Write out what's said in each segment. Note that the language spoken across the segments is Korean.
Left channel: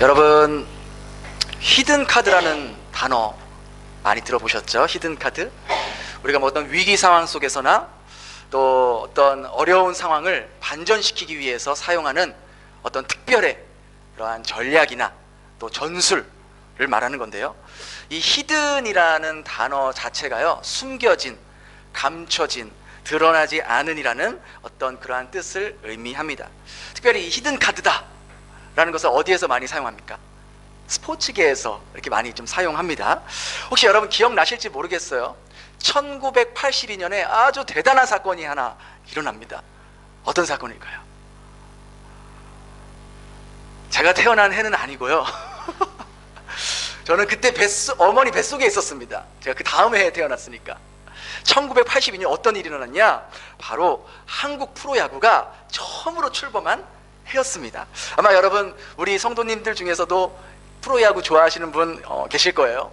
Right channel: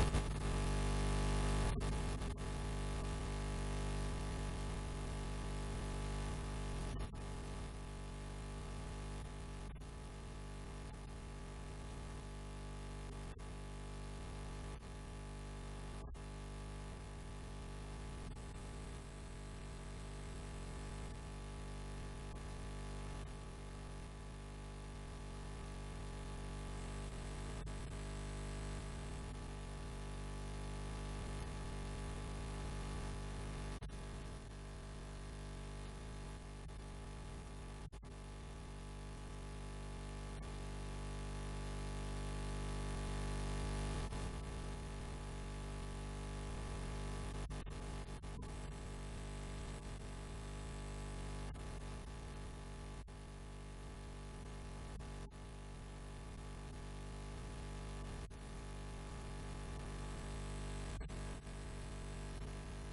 여러분, 히든 카드라는 단어 많이 들어보셨죠? 히든 카드. 우리가 뭐 어떤 위기 상황 속에서나 또 어떤 어려운 상황을 반전시키기 위해서 사용하는 어떤 특별의 그러한 전략이나 또 전술을 말하는 건데요. 이 히든이라는 단어 자체가요, 숨겨진, 감춰진, 드러나지 않은이라는 어떤 그러한 뜻을 의미합니다. 특별히 이 히든 카드다 라는 것을 어디에서 많이 사용합니까? 스포츠계에서 이렇게 많이 좀 사용합니다. 혹시 여러분 기억나실지 모르겠어요. 1982년에 아주 대단한 사건이 하나 일어납니다. 어떤 사건일까요? 제가 태어난 해는 아니고요. 저는 그때 어머니 뱃속에 있었습니다. 제가 그 다음 해에 태어났으니까. 1982년 어떤 일이 일어났냐? 바로 한국 프로야구가 처음으로 출범한 해였습니다. 아마 여러분 우리 성도님들 중에서도 프로야구 좋아하시는 분 계실 거예요.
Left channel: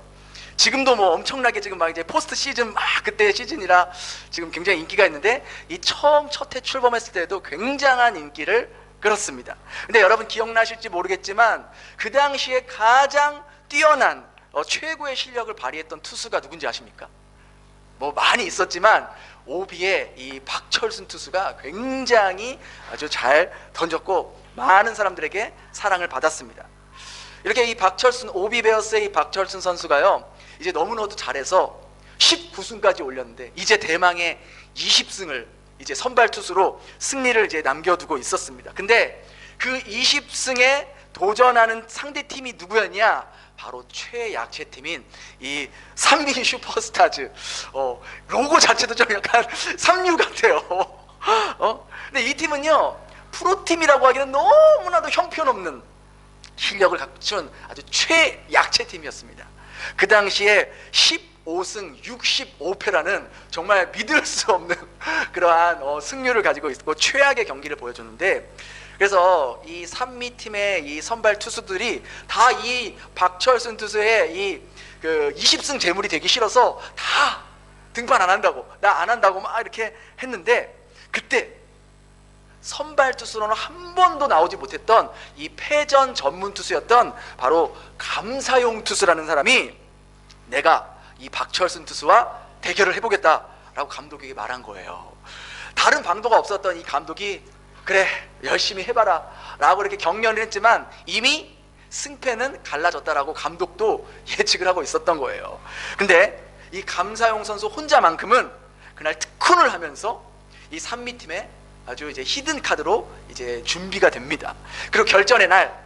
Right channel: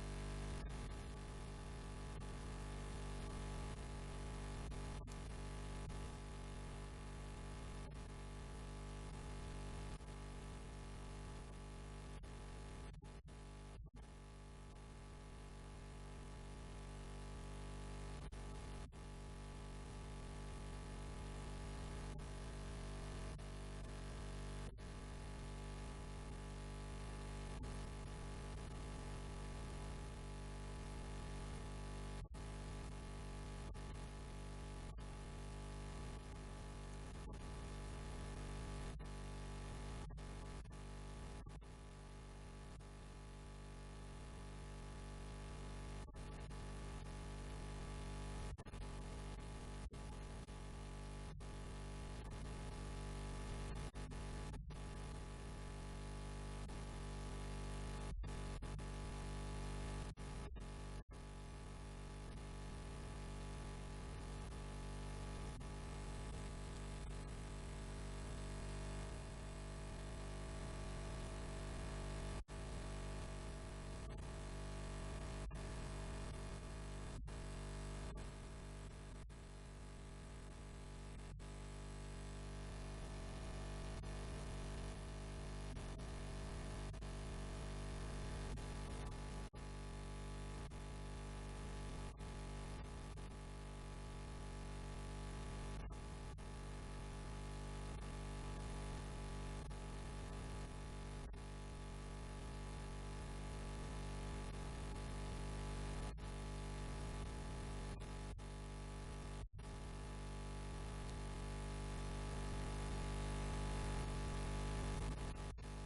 지금도 뭐 엄청나게 지금 막 이제 포스트 시즌 막 그때 시즌이라 지금 굉장히 인기가 있는데, 이 처음 첫 해 출범했을 때도 굉장한 인기를 끌었습니다. 근데 여러분 기억나실지 모르겠지만 그 당시에 가장 뛰어난 최고의 실력을 발휘했던 투수가 누군지 아십니까? 뭐 많이 있었지만 오비의 이 박철순 투수가 굉장히 아주 잘 던졌고 많은 사람들에게 사랑을 받았습니다. 이렇게 이 박철순, 오비 베어스의 이 박철순 선수가요, 이제 너무나도 잘해서 19승까지 올렸는데 이제 대망의 20승을 이제 선발 투수로 승리를 이제 남겨두고 있었습니다. 근데 그 20승에 도전하는 상대 팀이 누구였냐? 바로 최약체 팀인 이 삼미 슈퍼스타즈. 로고 자체도 좀 약간 삼류 같아요. 근데 이 팀은요, 프로팀이라고 하기는 너무나도 형편없는 실력을 갖춘 아주 최약체 팀이었습니다. 그 당시에 15승 65패라는 정말 믿을 수 없는 그러한 승률을 가지고 있고 최악의 경기를 보여줬는데, 그래서 이 산미팀의 이 선발 투수들이 다 이 박철순 투수의 이 20승 재물이 되기 싫어서 다 등판 안 한다고, 나 안 한다고 막 이렇게 했는데, 그때 선발 투수로는 한 번도 나오지 못했던 이 패전 전문 투수였던 바로 감사용 투수라는 사람이 내가 이 박철순 투수와 대결을 해보겠다라고 감독에게 말한 거예요. 다른 방도가 없었던 이 감독이 그래 열심히 해봐라 라고 이렇게 격려를 했지만 이미 승패는 갈라졌다라고 감독도 예측을 하고 있었던 거예요. 근데 이 감사용 선수 혼자만큼은 그날 특훈을 하면서 이 산미팀에 아주 이제 히든 카드로 이제 준비가 됩니다. 그리고 결전의 날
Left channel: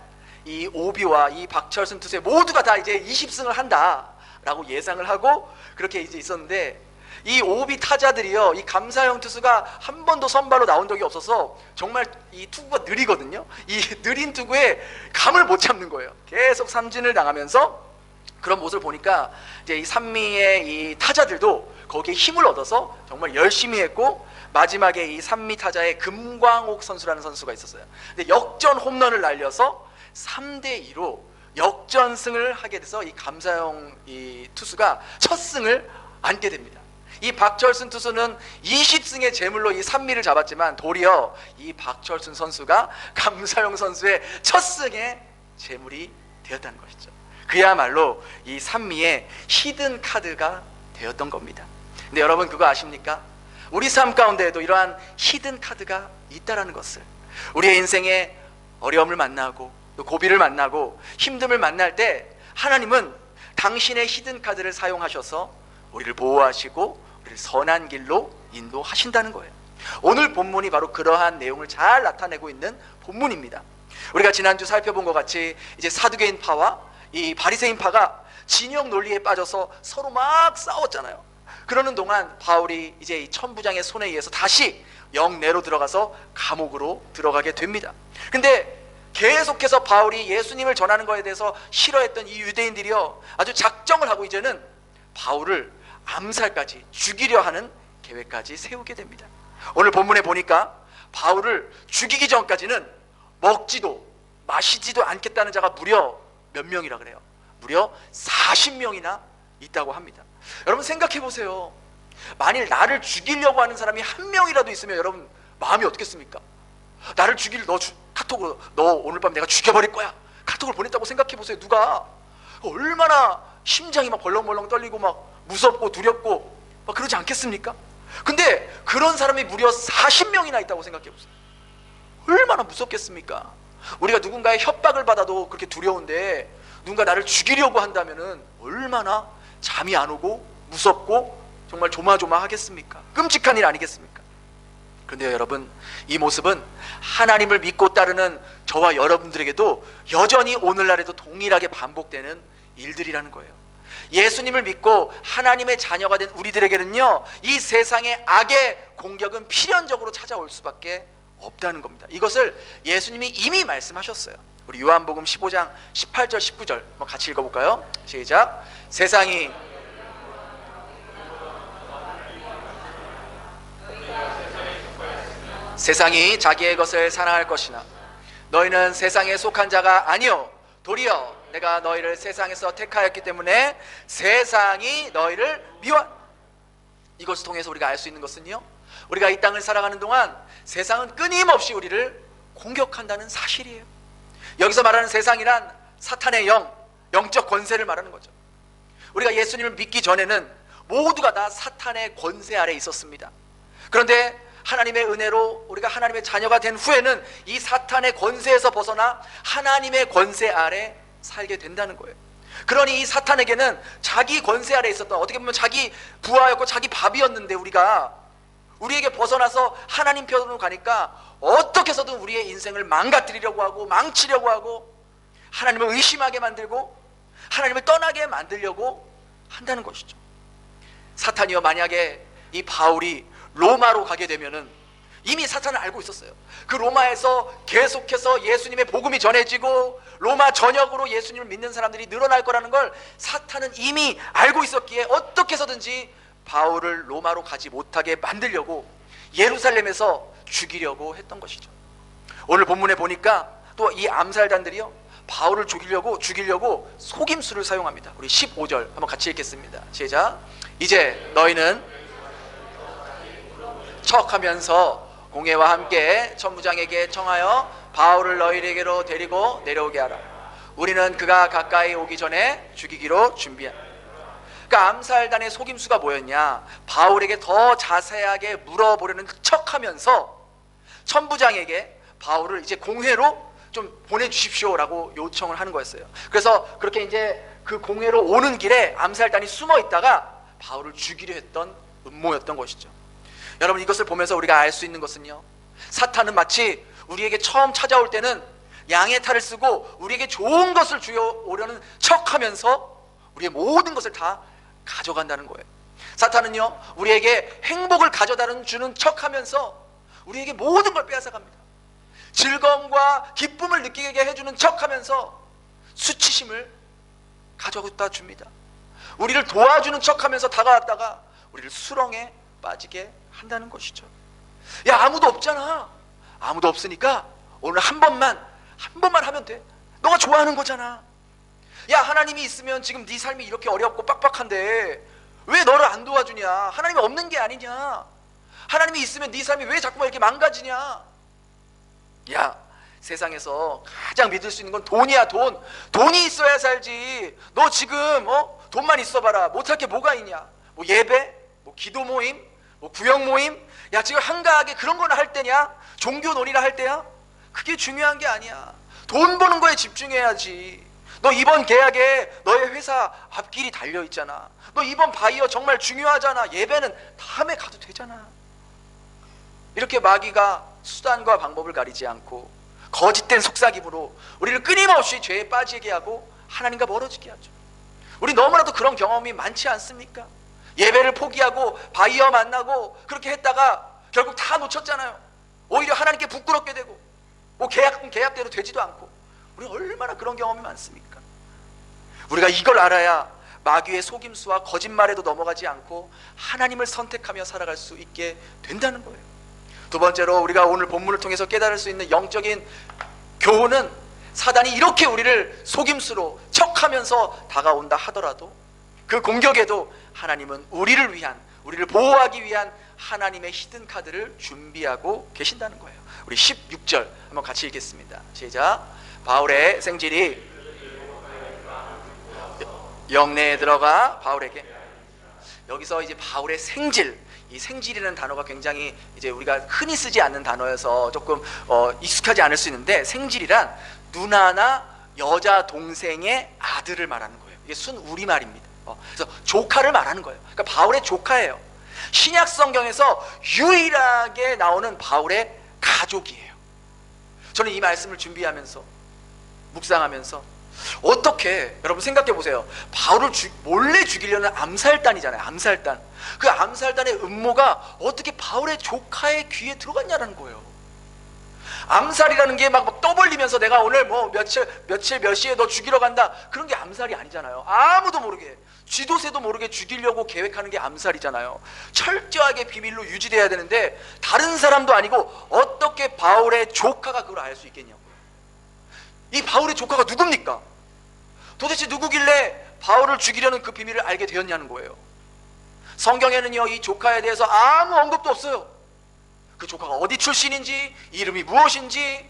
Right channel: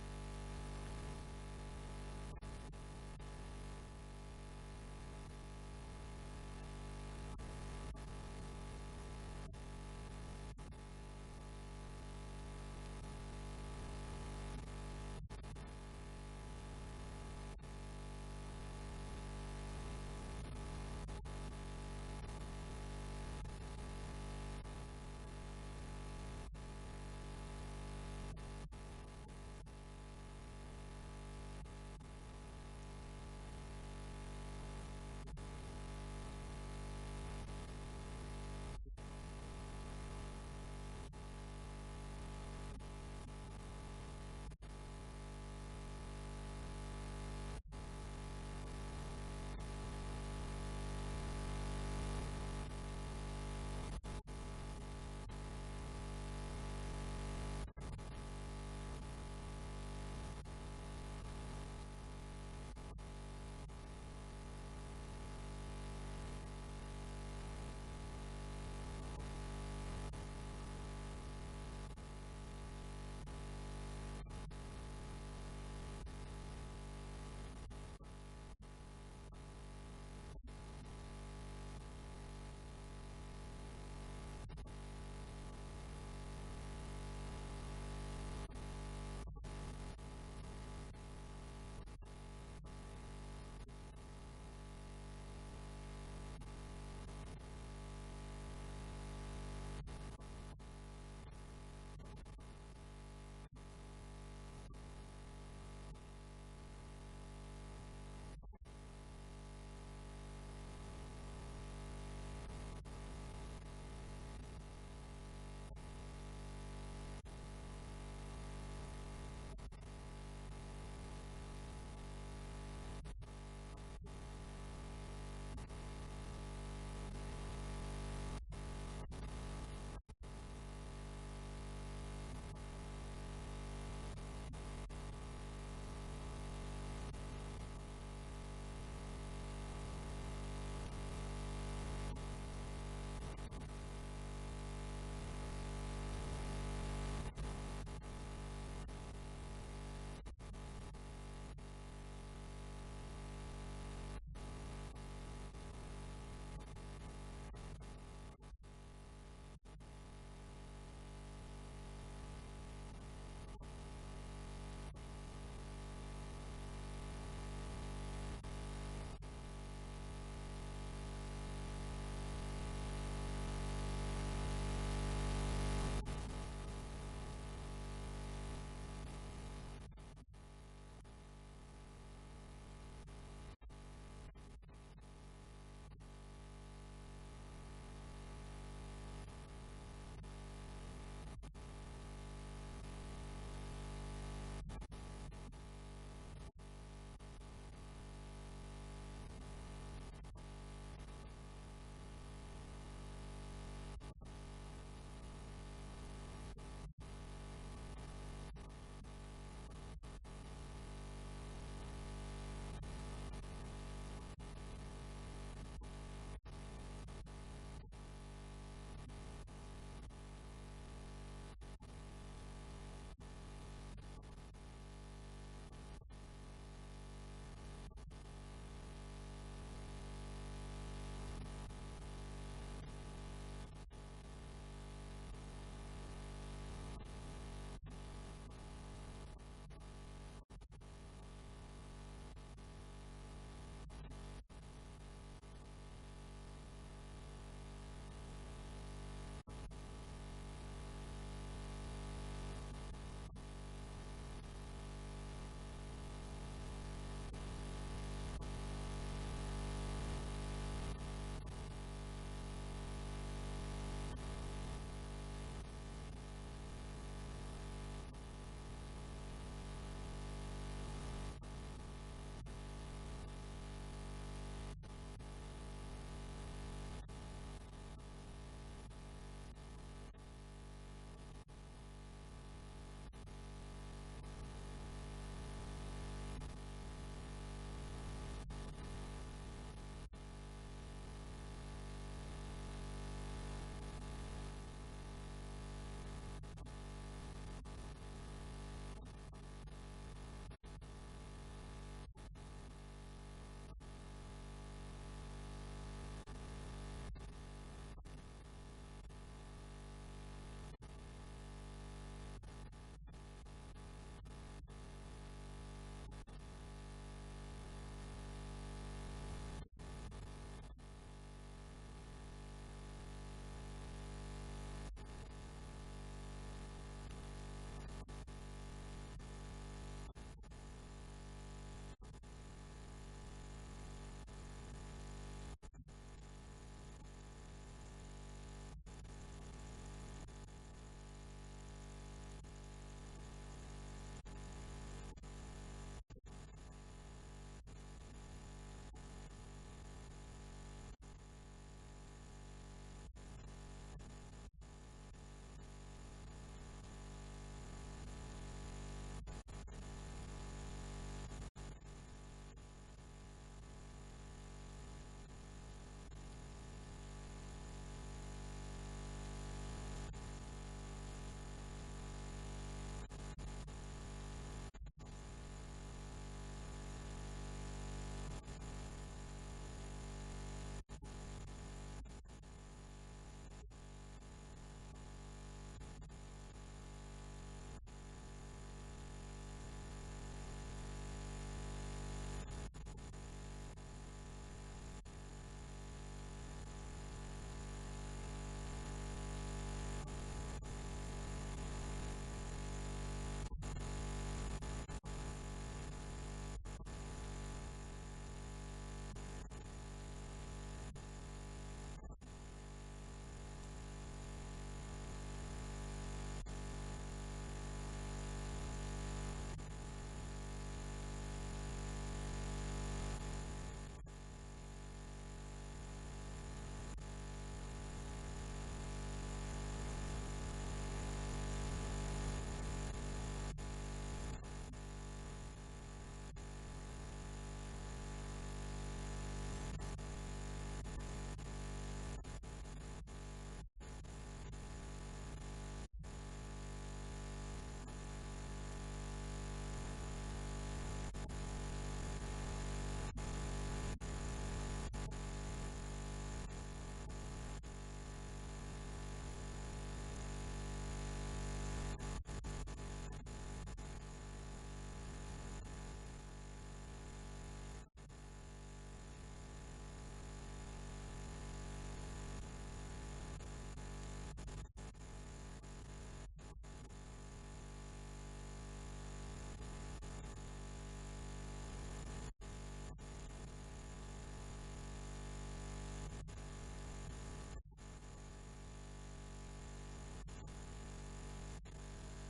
이 오비와 이 박철순 투수 모두가 다 이제 20승을 한다라고 예상을 하고 그렇게 이제 있었는데, 이 오비 타자들이요, 이 감사용 투수가 한 번도 선발로 나온 적이 없어서 정말 이 투구가 느리거든요. 이 느린 투구에 감을 못 잡는 거예요. 계속 삼진을 당하면서 그런 모습을 보니까 이제 이 산미의 이 타자들도 거기에 힘을 얻어서 정말 열심히 했고, 마지막에 이 산미 타자의 금광옥 선수라는 선수가 있었어요. 근데 역전 홈런을 날려서 3대2로 역전승을 하게 돼서 이 감사용 이 투수가 첫 승을 안게 됩니다. 이 박철순 투수는 20승의 재물로 이 산미를 잡았지만 도리어 이 박철순 선수가 감사용 선수의 첫 승의 재물이 되었다는 것이죠. 그야말로 이 산미의 히든 카드가 되었던 겁니다. 근데 여러분 그거 아십니까? 우리 삶 가운데에도 이러한 히든 카드가 있다라는 것을, 우리의 인생에 어려움을 만나고 또 고비를 만나고 힘듦을 만날 때 하나님은 당신의 히든 카드를 사용하셔서 우리를 보호하시고 우리를 선한 길로 인도하신다는 거예요. 오늘 본문이 바로 그러한 내용을 잘 나타내고 있는 본문입니다. 우리가 지난주 살펴본 것 같이 이제 사두개인 파와 이 바리새인 파가 진영 논리에 빠져서 서로 막 싸웠잖아요. 그러는 동안 바울이 이제 이 천부장의 손에 의해서 다시 영내로 들어가서 감옥으로 들어가게 됩니다. 근데 계속해서 바울이 예수님을 전하는 것에 대해서 싫어했던 이 유대인들이요, 아주 작정을 하고 이제는 바울을 암살까지, 죽이려 하는 계획까지 세우게 됩니다. 오늘 본문에 보니까 바울을 죽이기 전까지는 먹지도 마시지도 않겠다는 자가 무려 몇 명이라 그래요? 무려 40명이나 있다고 합니다. 여러분 생각해 보세요. 만일 나를 죽이려고 하는 사람이 한 명이라도 있으면 여러분 마음이 어떻겠습니까? 나를 죽일 카톡으로 너 오늘 밤 내가 죽여버릴 거야, 카톡을 보냈다고 생각해 보세요. 누가 얼마나 심장이 막 벌렁벌렁 떨리고 막 무섭고 두렵고 막 그러지 않겠습니까? 근데 그런 사람이 무려 40명이나 있다고 생각해 보세요. 얼마나 무섭겠습니까? 우리가 누군가의 협박을 받아도 그렇게 두려운데 누군가 나를 죽이려고 한다면은 얼마나 잠이 안 오고 무섭고 정말 조마조마하겠습니까? 끔찍한 일 아니겠습니까? 그런데 여러분, 이 모습은 하나님을 믿고 따르는 저와 여러분들에게도 여전히 오늘날에도 동일하게 반복되는 일들이라는 거예요. 예수님을 믿고 하나님의 자녀가 된 우리들에게는요, 이 세상의 악의 공격은 필연적으로 찾아올 수밖에 없다는 겁니다. 이것을 예수님이 이미 말씀하셨어요. 우리 요한복음 15장 18절 19절 한번 같이 읽어볼까요? 시작. 세상이 자기의 것을 사랑할 것이나 너희는 세상에 속한 자가 아니요 도리어 내가 너희를 세상에서 택하였기 때문에 세상이 너희를 미워. 이것을 통해서 우리가 알 수 있는 것은요, 우리가 이 땅을 살아가는 동안 세상은 끊임없이 우리를 공격한다는 사실이에요. 여기서 말하는 세상이란 사탄의 영적 권세를 말하는 거죠. 우리가 예수님을 믿기 전에는 모두가 다 사탄의 권세 아래 있었습니다. 그런데 하나님의 은혜로 우리가 하나님의 자녀가 된 후에는 이 사탄의 권세에서 벗어나 하나님의 권세 아래 살게 된다는 거예요. 그러니 이 사탄에게는 자기 권세 아래 있었던, 어떻게 보면 자기 부하였고 자기 밥이었는데, 우리에게 벗어나서 하나님 편으로 가니까 어떻게 해서든 우리의 인생을 망가뜨리려고 하고 망치려고 하고 하나님을 의심하게 만들고 하나님을 떠나게 만들려고 한다는 것이죠. 사탄이요, 만약에 이 바울이 로마로 가게 되면은, 이미 사탄은 알고 있었어요. 그 로마에서 계속해서 예수님의 복음이 전해지고 로마 전역으로 예수님을 믿는 사람들이 늘어날 거라는 걸 사탄은 이미 알고 있었기에 어떻게 해서든지 바울을 로마로 가지 못하게 만들려고 예루살렘에서 죽이려고 했던 것이죠. 오늘 본문에 보니까 또 이 암살단들이요, 바울을 죽이려고 속임수를 사용합니다. 우리 15절 한번 같이 읽겠습니다. 시작. 이제 너희는 척하면서 공회와 함께 천부장에게 청하여 바울을 너희에게로 데리고 내려오게 하라. 우리는 그가 가까이 오기 전에 죽이기로 준비한다. 그러니까 암살단의 속임수가 뭐였냐, 바울에게 더 자세하게 물어보려는 척하면서 천부장에게 바울을 이제 공회로 좀 보내주십시오라고 요청을 하는 거였어요. 그래서 그렇게 이제 그 공회로 오는 길에 암살단이 숨어 있다가 바울을 죽이려 했던 음모였던 것이죠. 여러분, 이것을 보면서 우리가 알 수 있는 것은요, 사탄은 마치 우리에게 처음 찾아올 때는 양의 탈을 쓰고 우리에게 좋은 것을 주어오려는 척하면서 우리의 모든 것을 다 가져간다는 거예요. 사탄은요, 우리에게 행복을 가져다 주는 척하면서 우리에게 모든 걸 빼앗아갑니다. 즐거움과 기쁨을 느끼게 해주는 척하면서 수치심을 가져다 줍니다. 우리를 도와주는 척하면서 다가왔다가 우리를 수렁에 빠지게 한다는 것이죠. 야, 아무도 없잖아. 아무도 없으니까 오늘 한 번만 하면 돼. 너가 좋아하는 거잖아. 야, 하나님이 있으면 지금 네 삶이 이렇게 어렵고 빡빡한데 왜 너를 안 도와주냐? 하나님이 없는 게 아니냐? 하나님이 있으면 네 삶이 왜 자꾸만 이렇게 망가지냐? 야, 세상에서 가장 믿을 수 있는 건 돈이야. 돈이 있어야 살지. 너 지금 돈만 있어봐라. 못할 게 뭐가 있냐? 뭐 예배, 뭐 기도 모임, 뭐 구역 모임, 야, 지금 한가하게 그런 거나 할 때냐? 종교 놀이나 할 때야? 그게 중요한 게 아니야. 돈 버는 거에 집중해야지. 너 이번 계약에 너의 회사 앞길이 달려있잖아. 너 이번 바이어 정말 중요하잖아. 예배는 다음에 가도 되잖아. 이렇게 마귀가 수단과 방법을 가리지 않고 거짓된 속삭임으로 우리를 끊임없이 죄에 빠지게 하고 하나님과 멀어지게 하죠. 우리 너무나도 그런 경험이 많지 않습니까? 예배를 포기하고 바이어 만나고 그렇게 했다가 결국 다 놓쳤잖아요. 오히려 하나님께 부끄럽게 되고 뭐 계약은 계약대로 되지도 않고. 우리 얼마나 그런 경험이 많습니까? 우리가 이걸 알아야 마귀의 속임수와 거짓말에도 넘어가지 않고 하나님을 선택하며 살아갈 수 있게 된다는 거예요. 두 번째로 우리가 오늘 본문을 통해서 깨달을 수 있는 영적인 교훈은, 사단이 이렇게 우리를 속임수로 척하면서 다가온다 하더라도 그 공격에도 하나님은 우리를 보호하기 위한 하나님의 히든 카드를 준비하고 계신다는 거예요. 우리 16절 한번 같이 읽겠습니다. 시작. 바울의 생질이 영내에 들어가 바울에게, 여기서 이제 바울의 생질, 이 생질이라는 단어가 굉장히 이제 우리가 흔히 쓰지 않는 단어여서 조금 익숙하지 않을 수 있는데, 생질이란 누나나 여자 동생의 아들을 말하는 거예요. 이게 순 우리말입니다. 그래서 조카를 말하는 거예요. 그러니까 바울의 조카예요. 신약 성경에서 유일하게 나오는 바울의 가족이에요. 저는 이 말씀을 준비하면서 묵상하면서 어떻게, 여러분 생각해 보세요. 바울을 몰래 죽이려는 암살단이잖아요. 암살단. 그 암살단의 음모가 어떻게 바울의 조카의 귀에 들어갔냐는 거예요. 암살이라는 게 막 떠벌리면서 내가 오늘 뭐 며칠 몇 시에 너 죽이러 간다, 그런 게 암살이 아니잖아요. 아무도 모르게, 쥐도새도 모르게 죽이려고 계획하는 게 암살이잖아요. 철저하게 비밀로 유지돼야 되는데 다른 사람도 아니고 어떻게 바울의 조카가 그걸 알 수 있겠냐고. 이 바울의 조카가 누굽니까? 도대체 누구길래 바울을 죽이려는 그 비밀을 알게 되었냐는 거예요. 성경에는요, 이 조카에 대해서 아무 언급도 없어요. 그 조카가 어디 출신인지, 이름이 무엇인지,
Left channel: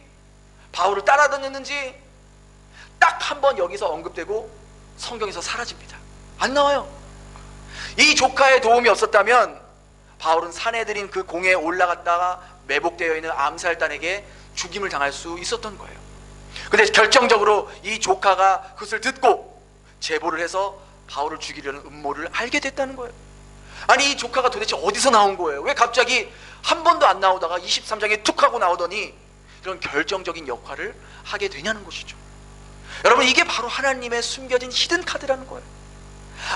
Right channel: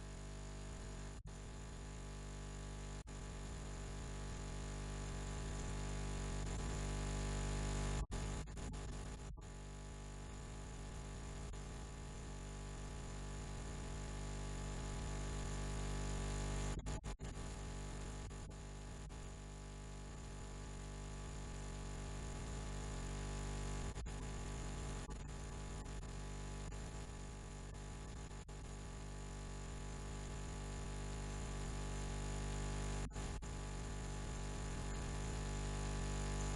바울을 따라다녔는지 딱 한 번 여기서 언급되고 성경에서 사라집니다. 안 나와요. 이 조카의 도움이 없었다면 바울은 사내들인 그 공에 올라갔다가 매복되어 있는 암살단에게 죽임을 당할 수 있었던 거예요. 근데 결정적으로 이 조카가 그것을 듣고 제보를 해서 바울을 죽이려는 음모를 알게 됐다는 거예요. 아니, 이 조카가 도대체 어디서 나온 거예요? 왜 갑자기 한 번도 안 나오다가 23장에 툭 하고 나오더니 이런 결정적인 역할을 하게 되냐는 것이죠. 여러분, 이게 바로 하나님의 숨겨진 히든 카드라는 거예요.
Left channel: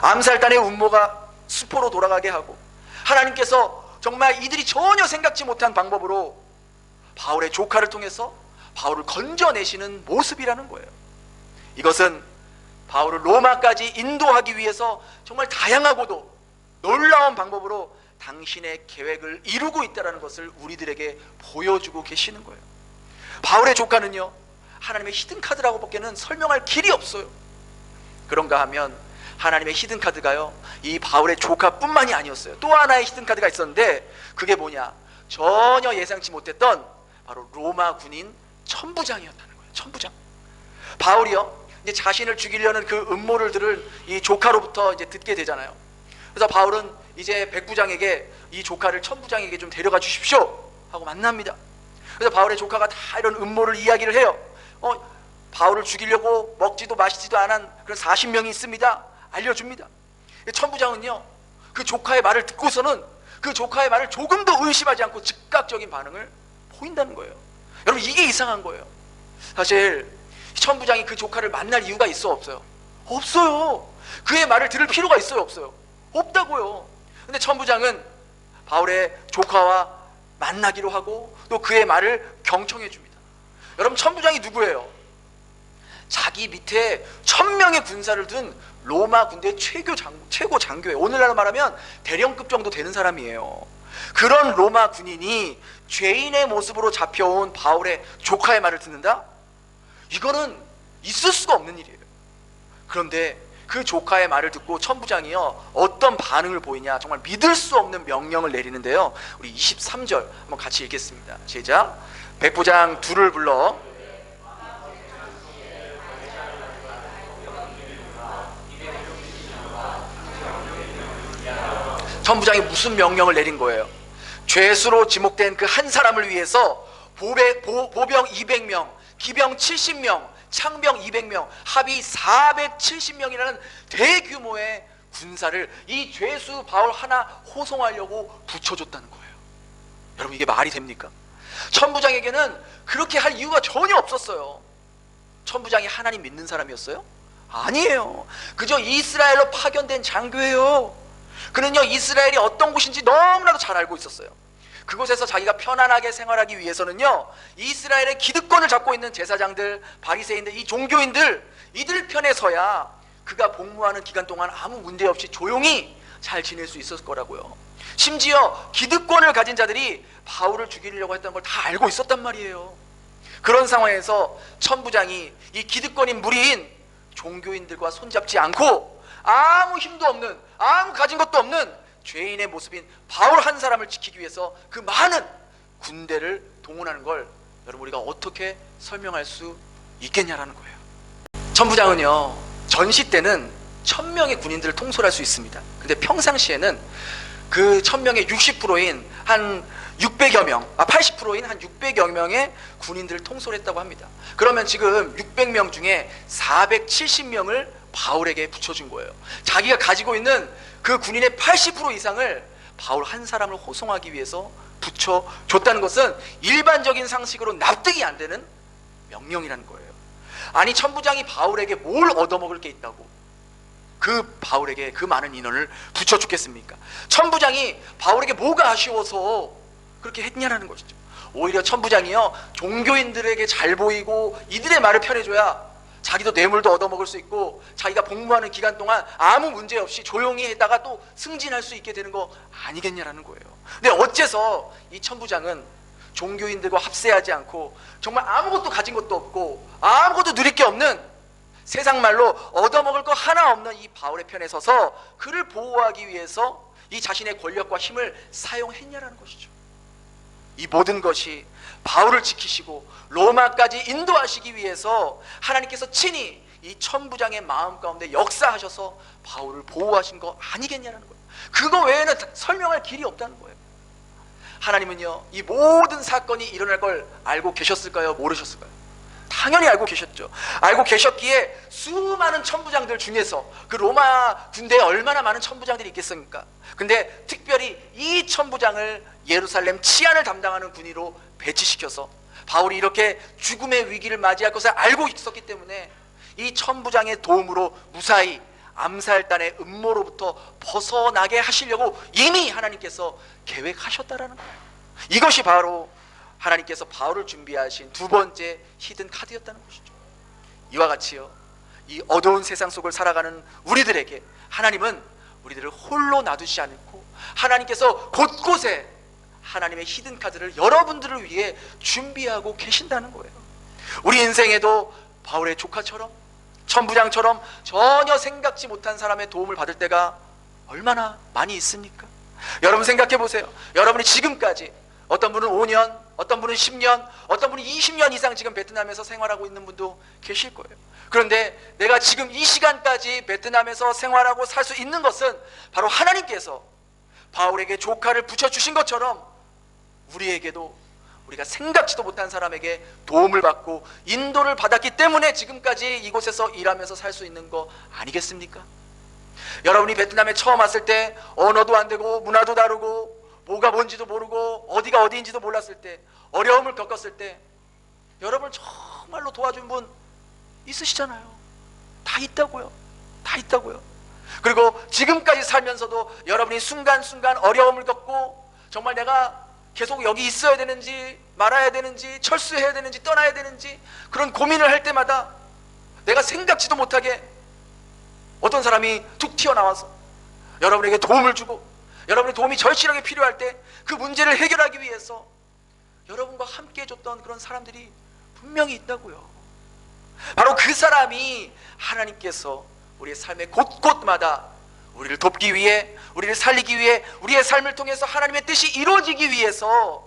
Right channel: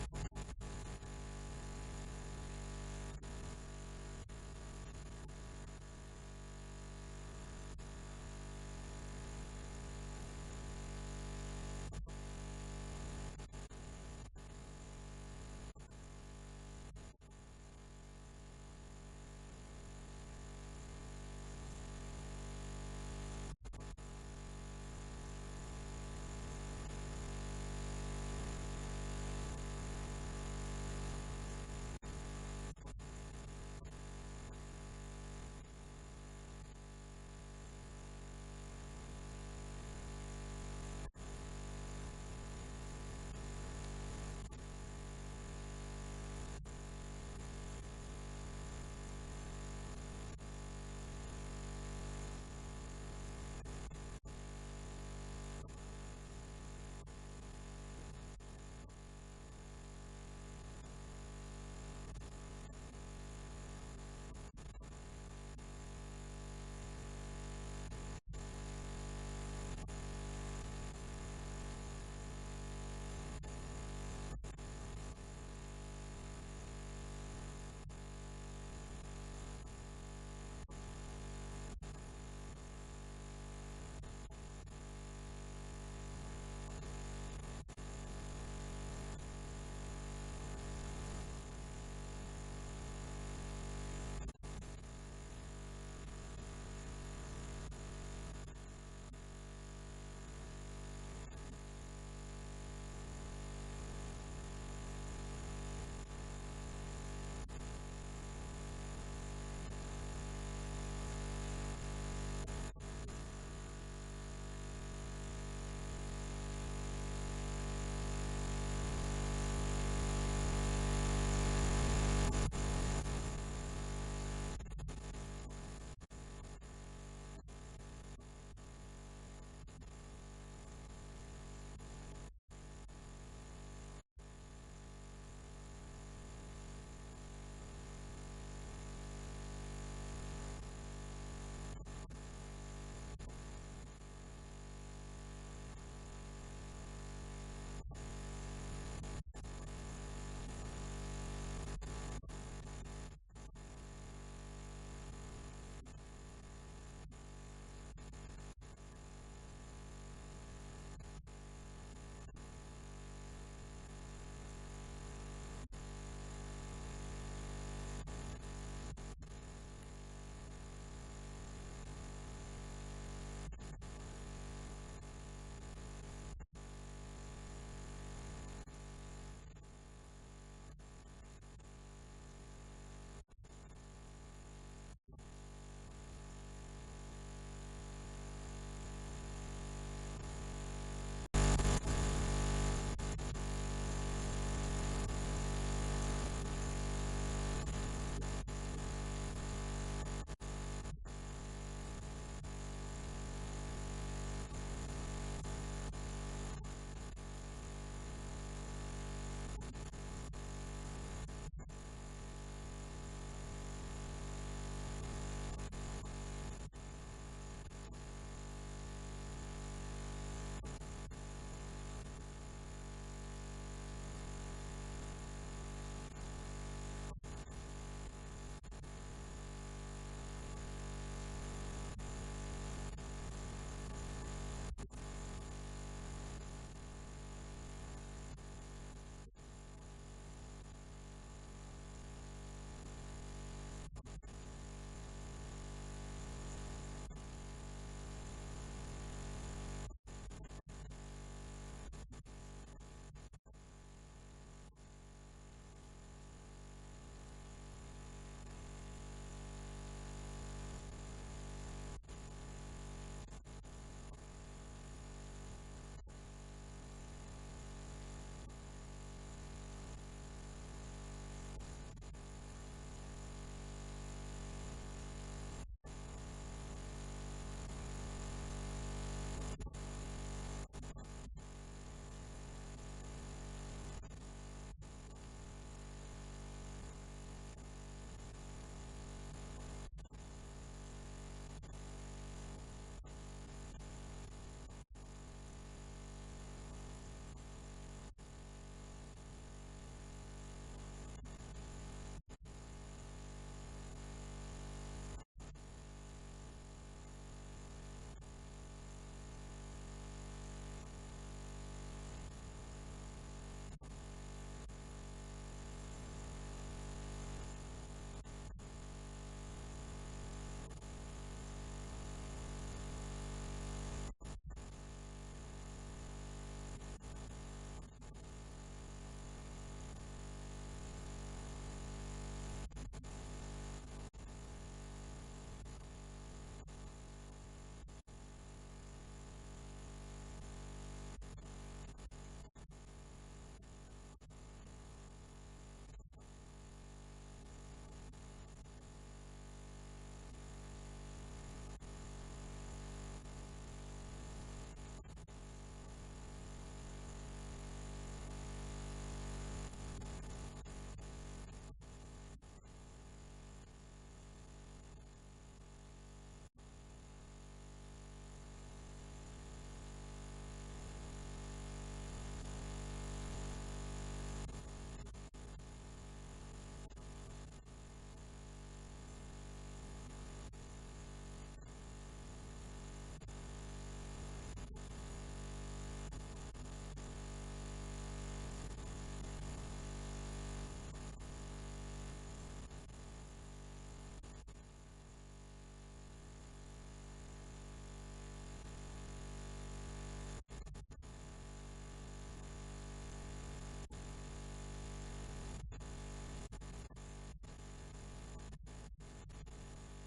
암살단의 음모가 수포로 돌아가게 하고, 하나님께서 정말 이들이 전혀 생각지 못한 방법으로 바울의 조카를 통해서 바울을 건져내시는 모습이라는 거예요. 이것은 바울을 로마까지 인도하기 위해서 정말 다양하고도 놀라운 방법으로 당신의 계획을 이루고 있다는 것을 우리들에게 보여주고 계시는 거예요. 바울의 조카는요, 하나님의 히든카드라고 밖에는 설명할 길이 없어요. 그런가 하면 하나님의 히든카드가요, 이 바울의 조카뿐만이 아니었어요. 또 하나의 히든카드가 있었는데, 그게 뭐냐, 전혀 예상치 못했던 바로 로마 군인 천부장이었다는 거예요. 천부장. 바울이요, 이제 자신을 죽이려는 그 음모를 들은 이 조카로부터 이제 듣게 되잖아요. 그래서 바울은 이제 백부장에게 이 조카를 천부장에게 좀 데려가 주십시오 하고 만납니다. 그래서 바울의 조카가 다 이런 음모를 이야기를 해요. 바울을 죽이려고 먹지도 마시지도 않은 그런 40명이 있습니다. 알려줍니다. 천부장은요, 그 조카의 말을 듣고서는 그 조카의 말을 조금도 의심하지 않고 즉각적인 반응을 보인다는 거예요. 여러분, 이게 이상한 거예요. 사실 천부장이 그 조카를 만날 이유가 있어 없어요? 없어요. 그의 말을 들을 필요가 있어요 없어요? 없다고요. 근데 천부장은 바울의 조카와 만나기로 하고 또 그의 말을 경청해 줍니다. 여러분, 천부장이 누구예요? 자기 밑에 1000명의 군사를 둔 로마 군대 최고 장교예요. 오늘날로 말하면 대령급 정도 되는 사람이에요. 그런 로마 군인이 죄인의 모습으로 잡혀온 바울의 조카의 말을 듣는다? 이거는 있을 수가 없는 일이에요. 그런데 그 조카의 말을 듣고 천부장이요, 어떤 반응을 보이냐, 정말 믿을 수 없는 명령을 내리는데요. 우리 23절 한번 같이 읽겠습니다. 시작. 백부장 둘을 불러 천부장이 무슨 명령을 내린 거예요? 죄수로 지목된 그 한 사람을 위해서 보병 200명, 기병 70명, 창병 200명, 합이 470명이라는 대규모의 군사를 이 죄수 바울 하나 호송하려고 붙여줬다는 거예요. 여러분, 이게 말이 됩니까? 천부장에게는 그렇게 할 이유가 전혀 없었어요. 천부장이 하나님 믿는 사람이었어요? 아니에요. 그저 이스라엘로 파견된 장교예요. 그는요, 이스라엘이 어떤 곳인지 너무나도 잘 알고 있었어요. 그곳에서 자기가 편안하게 생활하기 위해서는요, 이스라엘의 기득권을 잡고 있는 제사장들, 바리새인들, 이 종교인들, 이들 편에 서야 그가 복무하는 기간 동안 아무 문제 없이 조용히 잘 지낼 수 있었을 거라고요. 심지어 기득권을 가진 자들이 바울을 죽이려고 했던 걸 다 알고 있었단 말이에요. 그런 상황에서 천부장이 이 기득권인 무리인 종교인들과 손잡지 않고 아무 힘도 없는, 아무 가진 것도 없는 죄인의 모습인 바울 한 사람을 지키기 위해서 그 많은 군대를 동원하는 걸 여러분, 우리가 어떻게 설명할 수 있겠냐라는 거예요. 천부장은요, 전시 때는 1000명의 군인들을 통솔할 수 있습니다. 근데 평상시에는 그 1000명의 60%인 한 600여 명, 80%인 한 600여 명의 군인들을 통솔했다고 합니다. 그러면 지금 600명 중에 470명을 바울에게 붙여준 거예요. 자기가 가지고 있는 그 군인의 80% 이상을 바울 한 사람을 호송하기 위해서 붙여줬다는 것은 일반적인 상식으로 납득이 안 되는 명령이라는 거예요. 아니, 천부장이 바울에게 뭘 얻어먹을 게 있다고 그 바울에게 그 많은 인원을 붙여주겠습니까? 천부장이 바울에게 뭐가 아쉬워서 그렇게 했냐라는 것이죠. 오히려 천부장이요, 종교인들에게 잘 보이고 이들의 말을 편해줘야 자기도 뇌물도 얻어먹을 수 있고 자기가 복무하는 기간 동안 아무 문제 없이 조용히 했다가 또 승진할 수 있게 되는 거 아니겠냐라는 거예요. 근데 어째서 이 천부장은 종교인들과 합세하지 않고 정말 아무것도 가진 것도 없고 아무것도 누릴 게 없는, 세상 말로 얻어먹을 거 하나 없는 이 바울의 편에 서서 그를 보호하기 위해서 이 자신의 권력과 힘을 사용했냐라는 것이죠. 이 모든 것이 바울을 지키시고 로마까지 인도하시기 위해서 하나님께서 친히 이 천부장의 마음 가운데 역사하셔서 바울을 보호하신 거 아니겠냐는 거예요. 그거 외에는 설명할 길이 없다는 거예요. 하나님은요, 이 모든 사건이 일어날 걸 알고 계셨을까요? 모르셨을까요? 당연히 알고 계셨죠. 알고 계셨기에 수많은 천부장들 중에서, 그 로마 군대에 얼마나 많은 천부장들이 있겠습니까? 근데 특별히 이 천부장을 예루살렘 치안을 담당하는 군의로 배치시켜서 바울이 이렇게 죽음의 위기를 맞이할 것을 알고 있었기 때문에 이 천부장의 도움으로 무사히 암살단의 음모로부터 벗어나게 하시려고 이미 하나님께서 계획하셨다라는 거예요. 이것이 바로 하나님께서 바울을 준비하신 두 번째 히든 카드였다는 것이죠. 이와 같이요, 이 어두운 세상 속을 살아가는 우리들에게 하나님은 우리들을 홀로 놔두지 않고 하나님께서 곳곳에 하나님의 히든 카드를 여러분들을 위해 준비하고 계신다는 거예요. 우리 인생에도 바울의 조카처럼, 천부장처럼 전혀 생각지 못한 사람의 도움을 받을 때가 얼마나 많이 있습니까? 여러분 생각해 보세요. 여러분이 지금까지, 어떤 분은 5년, 어떤 분은 10년, 어떤 분은 20년 이상 지금 베트남에서 생활하고 있는 분도 계실 거예요. 그런데 내가 지금 이 시간까지 베트남에서 생활하고 살 수 있는 것은 바로 하나님께서 바울에게 조카를 붙여주신 것처럼 우리에게도 우리가 생각지도 못한 사람에게 도움을 받고 인도를 받았기 때문에 지금까지 이곳에서 일하면서 살 수 있는 거 아니겠습니까? 여러분이 베트남에 처음 왔을 때 언어도 안 되고 문화도 다르고 뭐가 뭔지도 모르고 어디가 어디인지도 몰랐을 때, 어려움을 겪었을 때 여러분을 정말로 도와준 분 있으시잖아요. 다 있다고요. 다 있다고요. 그리고 지금까지 살면서도 여러분이 순간순간 어려움을 겪고 정말 내가 계속 여기 있어야 되는지 말아야 되는지 철수해야 되는지 떠나야 되는지 그런 고민을 할 때마다 내가 생각지도 못하게 어떤 사람이 툭 튀어나와서 여러분에게 도움을 주고, 여러분의 도움이 절실하게 필요할 때 그 문제를 해결하기 위해서 여러분과 함께 해줬던 그런 사람들이 분명히 있다고요. 바로 그 사람이 하나님께서 우리의 삶의 곳곳마다 우리를 돕기 위해, 우리를 살리기 위해, 우리의 삶을 통해서 하나님의 뜻이 이루어지기 위해서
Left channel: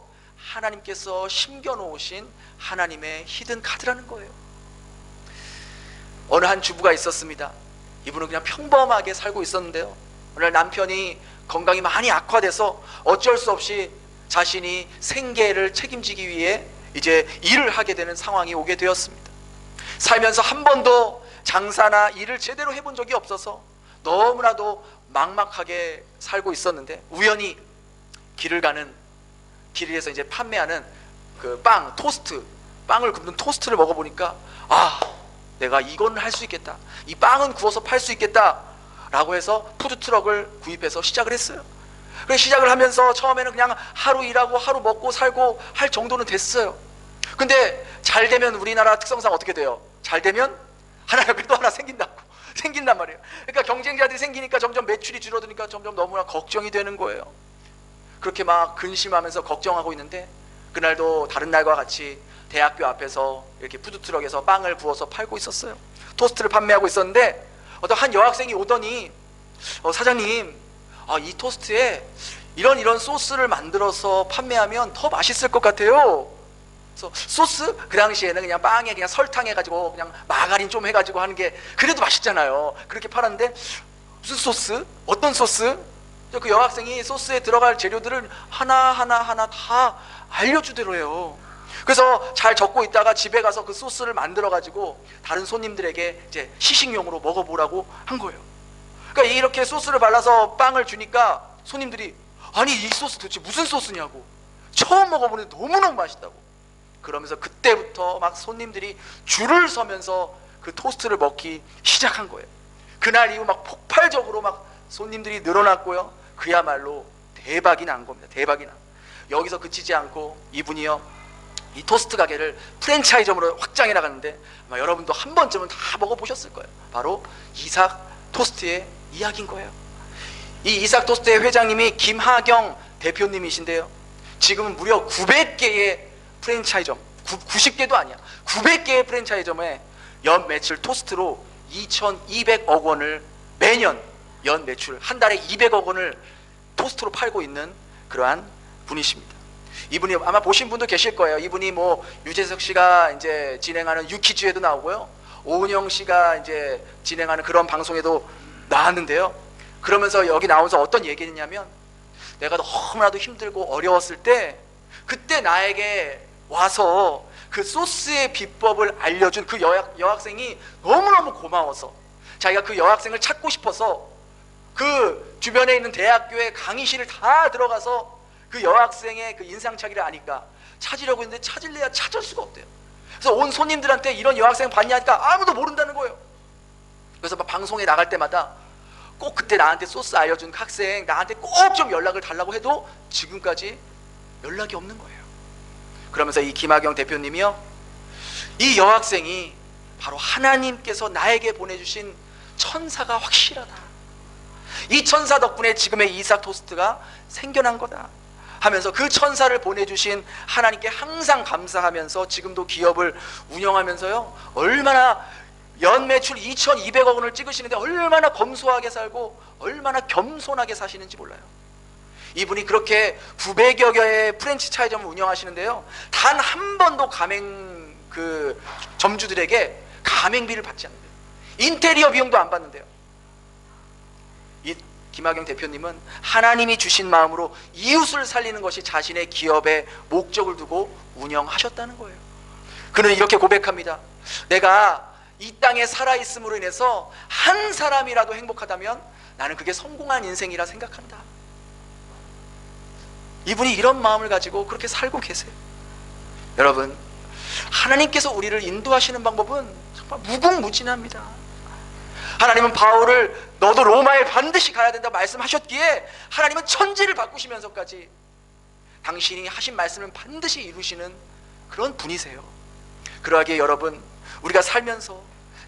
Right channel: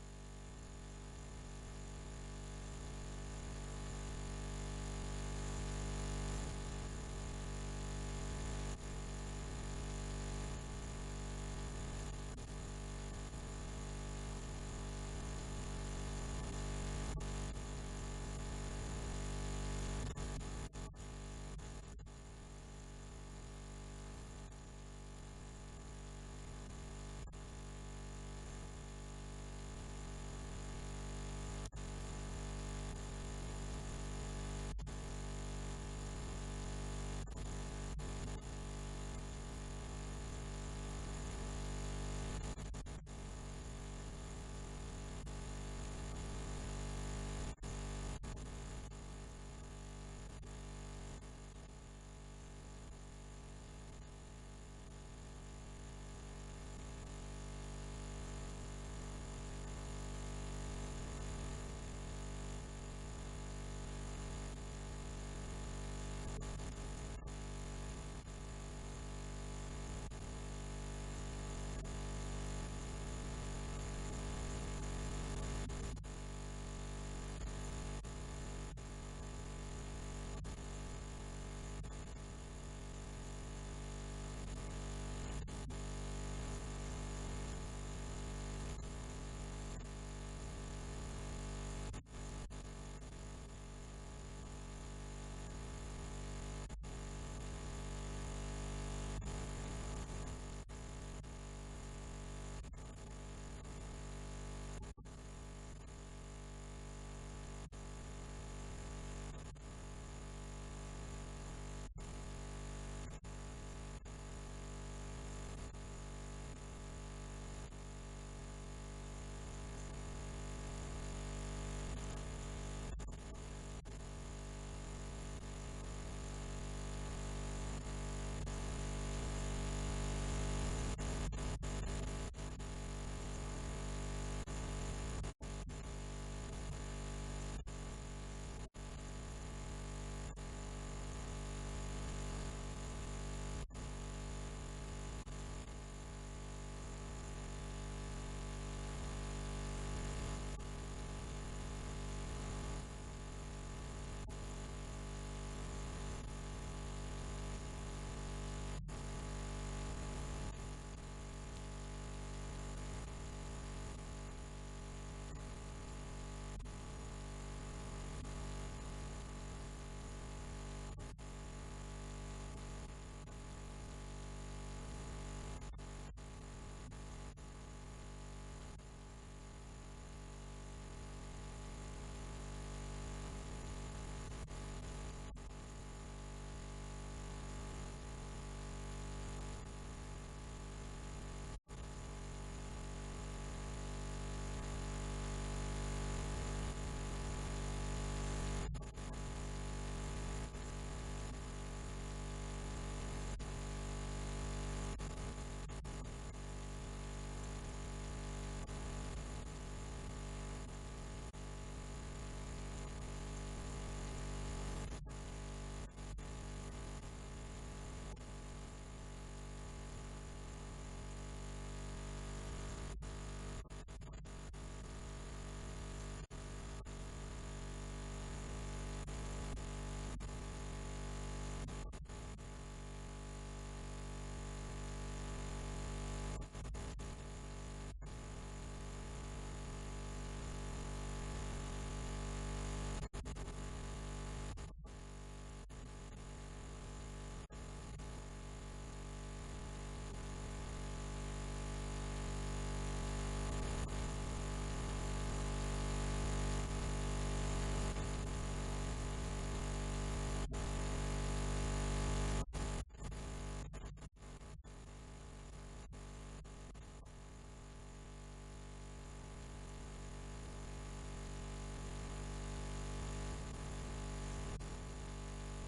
하나님께서 심겨놓으신 하나님의 히든 카드라는 거예요. 어느 한 주부가 있었습니다. 이분은 그냥 평범하게 살고 있었는데요, 오늘 남편이 건강이 많이 악화돼서 어쩔 수 없이 자신이 생계를 책임지기 위해 이제 일을 하게 되는 상황이 오게 되었습니다. 살면서 한 번도 장사나 일을 제대로 해본 적이 없어서 너무나도 막막하게 살고 있었는데, 우연히 길에서 이제 판매하는 그 빵, 토스트, 빵을 굽는 토스트를 먹어보니까 내가 이건 할 수 있겠다, 이 빵은 구워서 팔 수 있겠다 라고 해서 푸드트럭을 구입해서 시작을 했어요. 그래서 시작을 하면서 처음에는 그냥 하루 일하고 하루 먹고 살고 할 정도는 됐어요. 근데 잘 되면 우리나라 특성상 어떻게 돼요? 잘 되면 하나 옆에 또 하나 생긴단 말이에요. 그러니까 경쟁자들이 생기니까 점점 매출이 줄어드니까 점점 너무나 걱정이 되는 거예요. 그렇게 막 근심하면서 걱정하고 있는데, 그날도 다른 날과 같이 대학교 앞에서 이렇게 푸드트럭에서 빵을 구워서 팔고 있었어요. 토스트를 판매하고 있었는데 어떤 한 여학생이 오더니 사장님, 이 토스트에 이런 소스를 만들어서 판매하면 더 맛있을 것 같아요 그래서 소스 그 당시에는 그냥 빵에 그냥 설탕 해가지고 그냥 마가린 좀 해가지고 하는 게 그래도 맛있잖아요. 그렇게 팔았는데 무슨 소스? 어떤 소스? 그 여학생이 소스에 들어갈 재료들을 하나 다 알려주더래요. 그래서 잘 적고 있다가 집에 가서 그 소스를 만들어 가지고 다른 손님들에게 이제 시식용으로 먹어보라고 한 거예요. 그러니까 이렇게 소스를 발라서 빵을 주니까 손님들이 아니 이 소스 도대체 무슨 소스냐고, 처음 먹어보는데 너무너무 맛있다고. 그러면서 그때부터 막 손님들이 줄을 서면서 그 토스트를 먹기 시작한 거예요. 그날 이후 막 폭발적으로 막 손님들이 늘어났고요. 그야말로 대박이 난 겁니다. 대박이 난. 여기서 그치지 않고 이분이요, 이 토스트 가게를 프랜차이즈점으로 확장해 나갔는데 아마 여러분도 한 번쯤은 다 먹어보셨을 거예요. 바로 이삭 토스트의 이야기인 거예요. 이 이삭 토스트의 회장님이 김하경 대표님이신데요, 지금은 무려 900개의 프랜차이점, 90개도 아니야, 900개의 프랜차이점에 연 매출 토스트로 2,200억 원을 매년 연 매출 한 달에 200억 원을 토스트로 팔고 있는 그러한 분이십니다. 이분이 아마 보신 분도 계실 거예요. 이분이 뭐 유재석 씨가 이제 진행하는 유퀴즈에도 나오고요, 오은영 씨가 이제 진행하는 그런 방송에도 나왔는데요. 그러면서 여기 나오면서 어떤 얘기를 했냐면, 내가 너무나도 힘들고 어려웠을 때 그때 나에게 와서 그 소스의 비법을 알려준 그 여학생이 너무너무 고마워서 자기가 그 여학생을 찾고 싶어서 그 주변에 있는 대학교의 강의실을 다 들어가서 그 여학생의 그 인상착의를 아니까 찾으려고 했는데 찾을래야 찾을 수가 없대요. 그래서 온 손님들한테 이런 여학생 봤냐 하니까 아무도 모른다는 거예요. 그래서 막 방송에 나갈 때마다 꼭 그때 나한테 소스 알려준 학생 나한테 꼭 좀 연락을 달라고 해도 지금까지 연락이 없는 거예요. 그러면서 이 김하경 대표님이요, 이 여학생이 바로 하나님께서 나에게 보내주신 천사가 확실하다, 이 천사 덕분에 지금의 이삭 토스트가 생겨난 거다 하면서 그 천사를 보내주신 하나님께 항상 감사하면서 지금도 기업을 운영하면서요, 얼마나 연 매출 2,200억 원을 찍으시는데 얼마나 검소하게 살고 얼마나 겸손하게 사시는지 몰라요. 이분이 그렇게 900여 개의 프랜차이즈점을 운영하시는데요, 단 한 번도 가맹 그 점주들에게 가맹비를 받지 않는데요. 인테리어 비용도 안 받는데요. 이 김하경 대표님은 하나님이 주신 마음으로 이웃을 살리는 것이 자신의 기업의 목적을 두고 운영하셨다는 거예요. 그는 이렇게 고백합니다. 내가 이 땅에 살아있음으로 인해서 한 사람이라도 행복하다면 나는 그게 성공한 인생이라 생각한다. 이분이 이런 마음을 가지고 그렇게 살고 계세요. 여러분, 하나님께서 우리를 인도하시는 방법은 정말 무궁무진합니다. 하나님은 바울을 너도 로마에 반드시 가야 된다 말씀하셨기에 하나님은 천지를 바꾸시면서까지 당신이 하신 말씀을 반드시 이루시는 그런 분이세요. 그러하기에 여러분, 우리가 살면서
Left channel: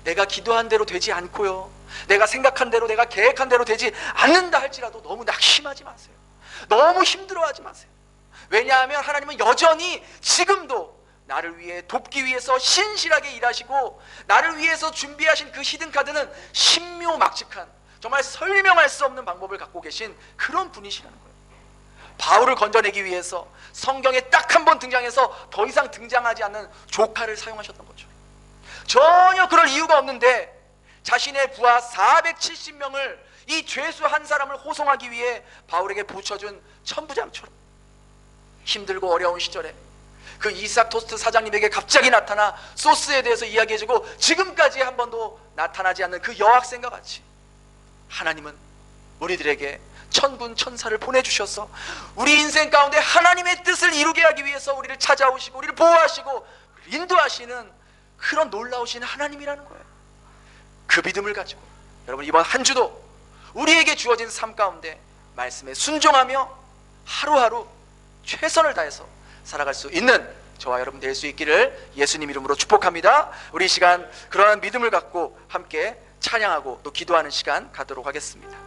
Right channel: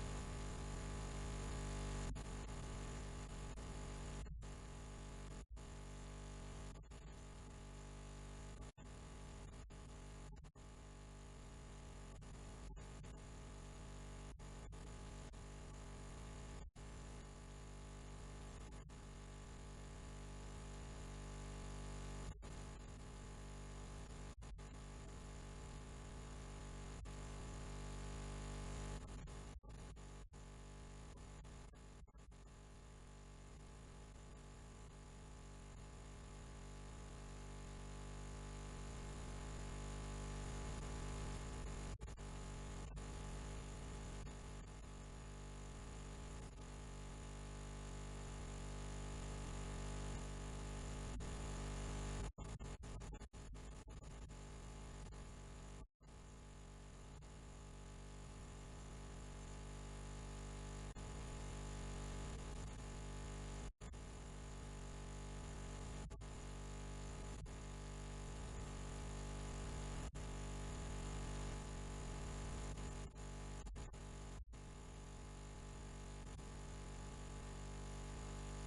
내가 기도한 대로 되지 않고요, 내가 생각한 대로 내가 계획한 대로 되지 않는다 할지라도 너무 낙심하지 마세요. 너무 힘들어하지 마세요. 왜냐하면 하나님은 여전히 지금도 나를 위해 돕기 위해서 신실하게 일하시고 나를 위해서 준비하신 그 히든카드는 신묘막측한 정말 설명할 수 없는 방법을 갖고 계신 그런 분이시라는 거예요. 바울을 건져내기 위해서 성경에 딱 한 번 등장해서 더 이상 등장하지 않는 조카를 사용하셨던 거죠. 전혀 그럴 이유가 없는데 자신의 부하 470명을 이 죄수 한 사람을 호송하기 위해 바울에게 붙여준 천부장처럼 힘들고 어려운 시절에 그 이삭 토스트 사장님에게 갑자기 나타나 소스에 대해서 이야기해주고 지금까지 한 번도 나타나지 않는 그 여학생과 같이 하나님은 우리들에게 천군 천사를 보내주셔서 우리 인생 가운데 하나님의 뜻을 이루게 하기 위해서 우리를 찾아오시고 우리를 보호하시고 인도하시는 그런 놀라우신 하나님이라는 거예요. 그 믿음을 가지고 여러분, 이번 한 주도 우리에게 주어진 삶 가운데 말씀에 순종하며 하루하루 최선을 다해서 살아갈 수 있는 저와 여러분 될 수 있기를 예수님 이름으로 축복합니다. 우리 이 시간 그러한 믿음을 갖고 함께 찬양하고 또 기도하는 시간 갖도록 하겠습니다.